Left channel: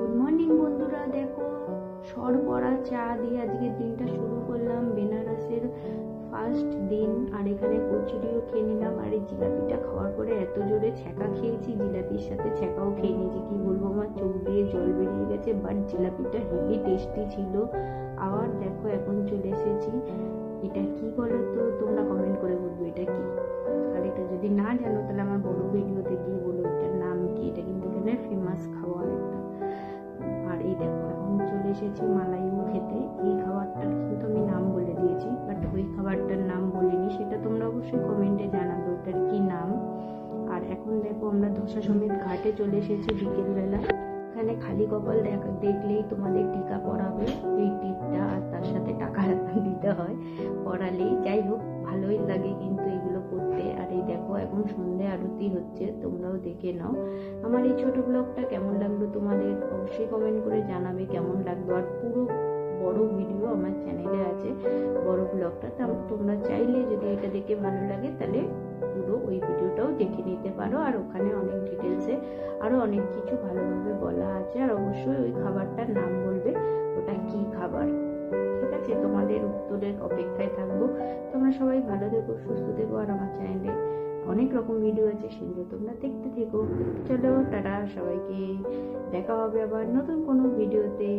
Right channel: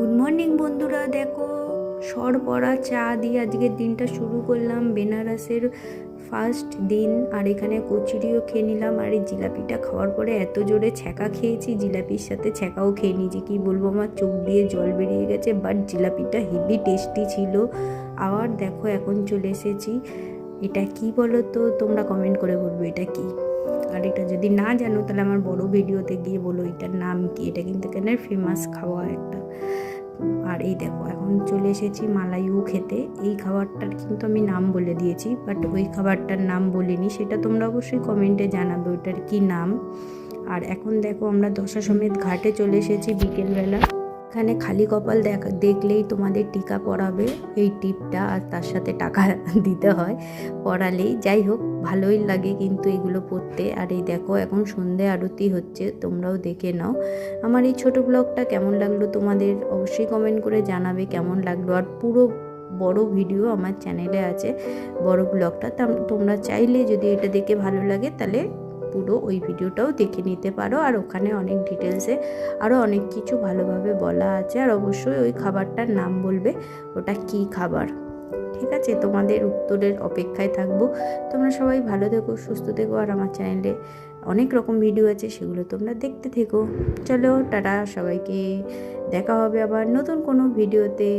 Good morning বন্ধুরা, দেখো সরবরা চা দিয়ে আজকের দিনটা শুরু করলাম। বেনারসের ফার্স্ট দিন, আর এখানে কচুরিও খেয়ে নিলাম। আর এই জিলাপিটা খাওয়ার পরে এত জোরে ছ্যাঁকা খেয়েছি, জিলাপির সাথে ছ্যাঁকাও খেয়ে নিয়েছি। কী বলবো, আমার চোখ দিয়ে জল বেরিয়ে গেছে। বাট জিলাপিটা হেভি টেস্টি ছিল। আবার দেখো এখন চলে এসেছি, এটা কি বলো তো, তোমরা কমেন্ট করে বলবো এটা কি। আর এটা যদি না জানো তাহলে আমার বড় ভিডিওতে গিয়ে বলো এটার নাম কি। এটা কিন্তু এখানে ফেমাস খাওয়া একটা। আর এই দেখো এখন চলে এসেছি মালাইও খেতে। এই খাবারটার কিন্তু আমি নাম বলে দিয়েছি, বাট ওই খাবারটার নাম বলিনি। সেটা তোমরা অবশ্যই কমেন্টে জানাবে ওইটার কি নাম। আর এখন দেখো আমরা দশাশ্বমেধ ঘাটে চলে এসেছি বিকেলবেলা। এখানে খালি কপাল দেখলেই তোমাদের টিকা পরাবে, এই টিপটা, আর তার সাথে টাকা দিতে হয় পরালেই। যাই হোক, ভালোই লাগে কিন্তু এগুলো পড়তে। আর এই দেখো এখন সন্ধে আরতি হচ্ছে, তোমরাও দেখে নাও। আমার এই ছোট ব্লগটা কেমন লাগলো তোমাদের অবশ্যই কমেন্ট করে জানাবে কেমন লাগলো। আর পুরো বড় ভিডিও আমার চ্যানেলে আছে, বড় ব্লগটা। তোমরা চাইলে যদি এটা দেখে ভালো লাগে তাহলে পুরো ওই ভিডিওটাও দেখে নিতে পারো। আর ওখানে অনেক ডিটেলসে আরও অনেক কিছু ভালোভাবে বলা আছে। আর অবশ্যই ওই খাবারটার নাম বলবে ওটা কি খাবার। ঠিক আছে, তোমাদের উত্তরের অপেক্ষায় থাকবো। তোমরা সবাই ভালো থেকো, সুস্থ থেকো। আর আমার চ্যানেলে অনেক রকম ভিডিও আছে, সেগুলো তোমরা দেখতে থেকো। চলো টাটা সবাইকে, দেখা হবে আবার নতুন কোনো ভিডিওতে।